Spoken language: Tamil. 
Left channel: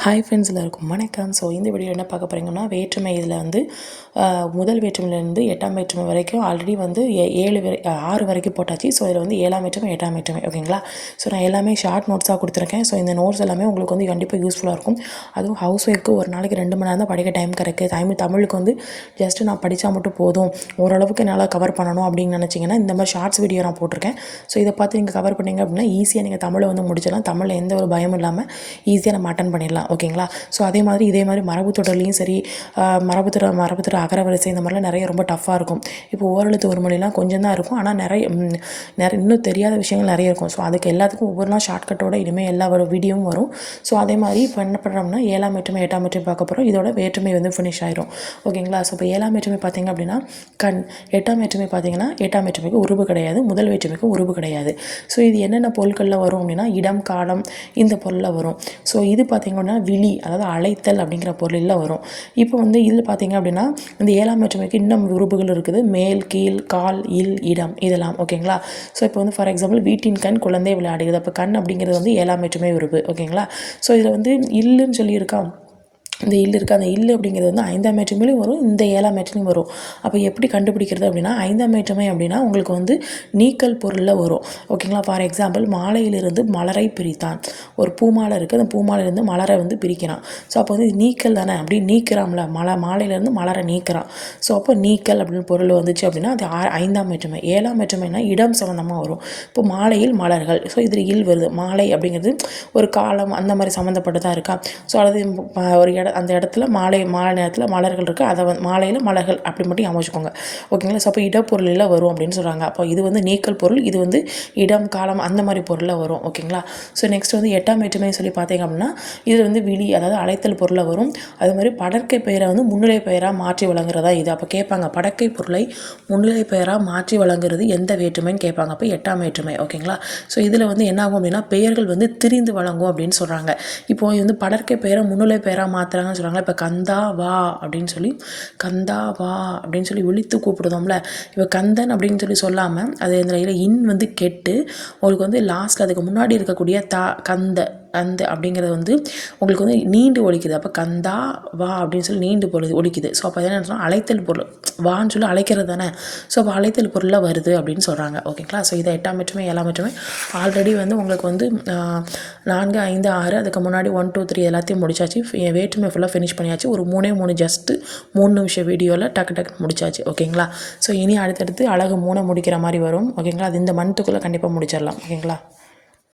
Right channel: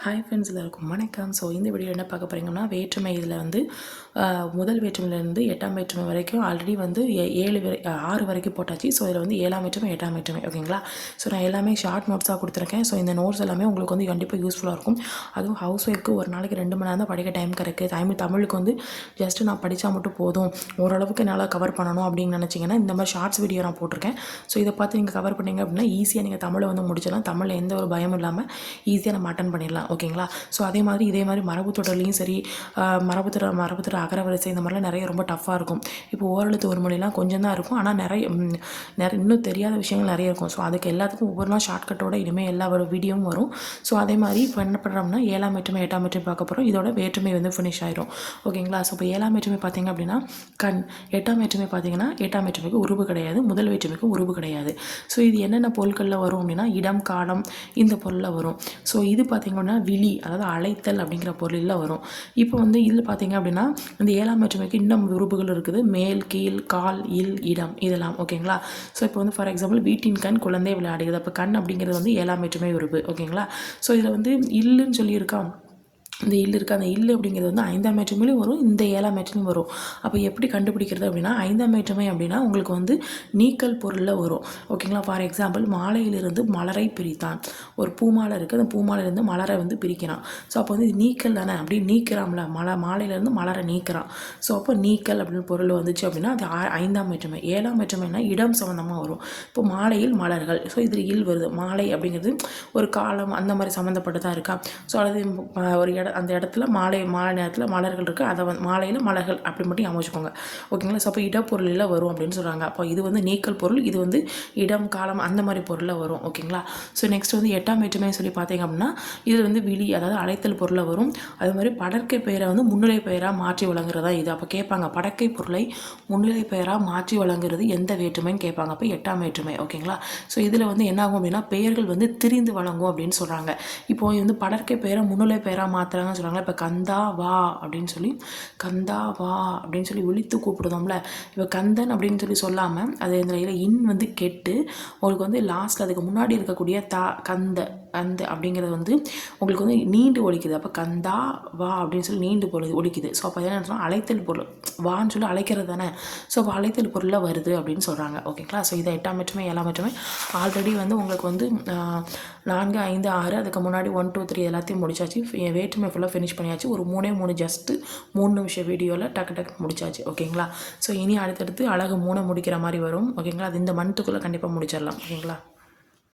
ஹாய் ஃப்ரெண்ட்ஸ், எல்லாருக்கும் வணக்கம். ஸோ இந்த வீடியோ என்ன பார்க்க போகிறீங்கன்னா, வேற்றுமை இதில் வந்து முதல் வேற்றுமையிலேருந்து 8ஆம் வேற்றுமை வரைக்கும் ஆல்ரெடி வந்து 6 வரைக்கும் போட்டாச்சு. ஸோ இதில் வந்து 7ஆம் வேற்றுமை 8ஆம் வேற்றுமை ஓகேங்களா. ஸோ நான் எல்லாமே ஷார்ட் நோட்ஸாக கொடுத்துருக்கேன். ஸோ இந்த நோட்ஸ் எல்லாமே உங்களுக்கு வந்து கண்டிப்பாக யூஸ்ஃபுல்லாக இருக்கும். அதுவும் ஹவுஸ் ஒய்ஃப்க்கு ஒரு நாளைக்கு 2 மணி நேரம் தான் படிக்க டைம் கிடைக்குது. தமிழுக்கு வந்து ஜஸ்ட்டு நான் படித்தா மட்டும் போதும், ஓரளவுக்கு என்னால் கவர் பண்ணணும் அப்படின்னு நினச்சிங்கன்னா இந்த மாதிரி ஷார்ட்ஸ் வீடியோ நான் போட்டிருக்கேன். ஸோ இதை பார்த்து நீங்கள் கவர் பண்ணிங்க அப்படின்னா ஈஸியாக நீங்கள் தமிழை வந்து முடிச்சிடலாம். தமிழில் எந்த ஒரு பயமும் இல்லாமல் ஈஸியாக நம்ம அட்டன் பண்ணிடலாம் ஓகேங்களா. ஸோ இதே மாதிரி மரபுத்தொடர்லையும் சரி, மரபுத்தொடர் அகரவரிசை இந்த மாதிரிலாம் நிறைய ரொம்ப டஃப்பாக இருக்கும். இப்போ ஓரெழுத்து ஒரு மொழிலாம் கொஞ்சம் தான் இருக்கும், ஆனால் நிறைய இன்னும் தெரியாத விஷயங்கள் நிறைய இருக்கும். ஸோ அதுக்கு எல்லாத்துக்கும் ஒவ்வொரு நாள் ஷார்ட்கட்டோட இனிமேல் எல்லா வீடியோவும் வரும். ஸோ அதே மாதிரி இப்போ என்ன பண்ணுறோம்னா 7ஆம் வேற்றுமை 8ஆம் வேற்றுமை பார்க்க போகிறோம். இதோட வேற்றுமை வந்து ஃபினிஷ் ஆயிரும் ஓகேங்களா. ஸோ இப்போ 7ஆம் வேற்றுமை பார்த்திங்க அப்படின்னா கண், 8ஆம் வேற்றுமை பார்த்திங்கன்னா 8ஆம் வேற்றுமைக்கு உருவு கிடையாது, முதல் வேற்றுமைக்கு உருவு கிடையாது. ஸோ இது என்னென்ன பொருட்களில் வரும் அப்படின்னா இடம், காலம் இந்த பொருளில் வரும். ஸோ இது பார்த்திங்கன்னா விழி, அதாவது அழைத்தல் அப்படிங்கிற பொருளில் வரும். இப்போ வந்து இதில் பார்த்திங்க அப்படின்னா இந்த 7ஆம் வேற்றுமைக்கு இன்னும் உறுப்புகள் இருக்குது. மேல், கீழ், கால், இல், இடம் இதெல்லாம் ஓகேங்களா. ஸோ இப்போ வந்து ஃபார் எக்ஸாம்பிள் வீட்டின் கண் குழந்தை விளையாடுகிறது. அப்போ கண் அப்படிங்கிறது வந்து 7ஆம் வேற்றுமை உறுப்பு ஓகேங்களா. ஸோ இதில் வந்து இல்லுன்னு சொல்லியிருக்கா, இந்த இல்லு இருக்குது. அந்த இல்லு அப்படிங்கிறது வந்து 5ஆம் வேற்றுமையிலும் வரும், இந்த 7ஆம் வேற்றுமையும் வரும். அப்போ எப்படி கண்டுபிடிக்கிறது அப்படின்னா 5ஆம் வேற்றுமை அப்படின்னா உங்களுக்கு வந்து நீக்கல் பொருளில் வரும் ஓகேங்களா. ஃபார் எக்ஸாம்பிள் மாலையிலிருந்து மலரை பிரித்தான். ஒரு பூமாலை இருக்குது, அந்த பூமாலையிலேருந்து மலரை வந்து பிரிக்கிறான். ஸோ அப்போ வந்து நீக்கல் தானே, அப்படி நீக்கிறான்ல, மாலையிலேருந்து மலரை நீக்கிறான். ஸோ அப்போ நீக்கல் அப்படின்னு பொருள் வந்துச்சு அப்படின்னா அது 5ஆம் வேற்றுமை. 7ஆம் வேற்றுமைனா இடம் சம்மந்தமாக வரும். இப்போ மாலையில் மலர்கள், ஸோ இதில் இல் வருது. மாலை அப்படிங்கிறது ஒரு காலம் அந்த மாதிரி சம்மந்தப்பட்டதாக இருக்கா. ஸோ அது ஒரு அந்த இடத்துல மாலை நேரத்தில் மலர்கள் இருக்குது, அதை வந்து மாலையில் மலர்கள் அப்படி மட்டும் அமைச்சுக்கோங்க ஓகேங்களா. ஸோ அப்போ இடப்பொருளில் வரும் அப்படின்னு சொல்கிறாங்க. அப்போ இது வந்து நீக்கல் பொருள், இது வந்து இடம், காலம் அந்த மாதிரி பொருளில் வரும் ஓகேங்களா. ஸோ நெக்ஸ்ட் வந்து 8ஆம் வேற்றுமை சொல்லி பார்த்தீங்க அப்படின்னா இது வந்து விழி, அதாவது அழைத்தல் பொருளில் வரும். அது மாதிரி படற்கை பெயரை வந்து முன்னிலை பெயராக மாற்றி வழங்குறதா இது. அப்போ கேட்பாங்க படற்கை பொருளை முன்னிலை பெயராக மாற்றி வழங்குறது எந்த வேற்றுமைன்னு கேட்பாங்க. அப்போ 8ஆம் வேற்றுமை ஓகேங்களா. ஸோ இதில் வந்து என்ன ஆகும் அப்படின்னா பெயர்கள் வந்து திரிந்து வழங்கும் அப்படின்னு சொல்கிறாங்க. இப்போ வந்து படற்கை பெயரை முன்னிலை பெயராக மாற்றுறாங்கன்னு சொல்கிறாங்க. இப்போ கந்தா வா அப்படின்னு சொல்லி, கந்தா வா அப்படின்னு சொல்லி விழித்து கூப்பிடுதோம்ல. இப்போ கந்தன் அப்படின்னு சொல்லி சொல்லாமல் அது இந்த இன் வந்து கெட்டு உங்களுக்கு வந்து லாஸ்ட்டில் அதுக்கு முன்னாடி இருக்கக்கூடிய கந்த அந்த அப்படிங்கிறது வந்து உங்களுக்கு வந்து நீண்டு ஒழிக்குது. அப்போ கந்தா வா அப்படின்னு சொல்லி நீண்டு ஒழிக்குது. ஸோ அப்போ என்ன சொன்னால் அழைத்தல் பொருள், வான்னு சொல்லி அழைக்கிறது தானே. ஸோ அப்போ அழைத்தல் பொருளில் வருது அப்படின்னு சொல்கிறாங்க ஓகேங்களா. ஸோ இதை 8ஆம் வேற்றுமை 7ஆம் வேற்றுமை ஆல்ரெடி வந்து உங்களுக்கு வந்து 4, 5, 6 அதுக்கு முன்னாடி 1, 2, 3 எல்லாத்தையும் முடிச்சாச்சு. வேற்றுமை ஃபுல்லாக ஃபினிஷ் பண்ணியாச்சு. ஒரு 3 ஜஸ்ட்டு 3 நிமிஷம் வீடியோவில் டக்கு முடிச்சாச்சு ஓகேங்களா. ஸோ இனி அடுத்தடுத்து அழகு 3 முடிக்கிற மாதிரி வரும் ஓகேங்களா. அது இந்த மந்த்துக்குள்ளே கண்டிப்பாக முடிச்சிடலாம் ஓகேங்களா.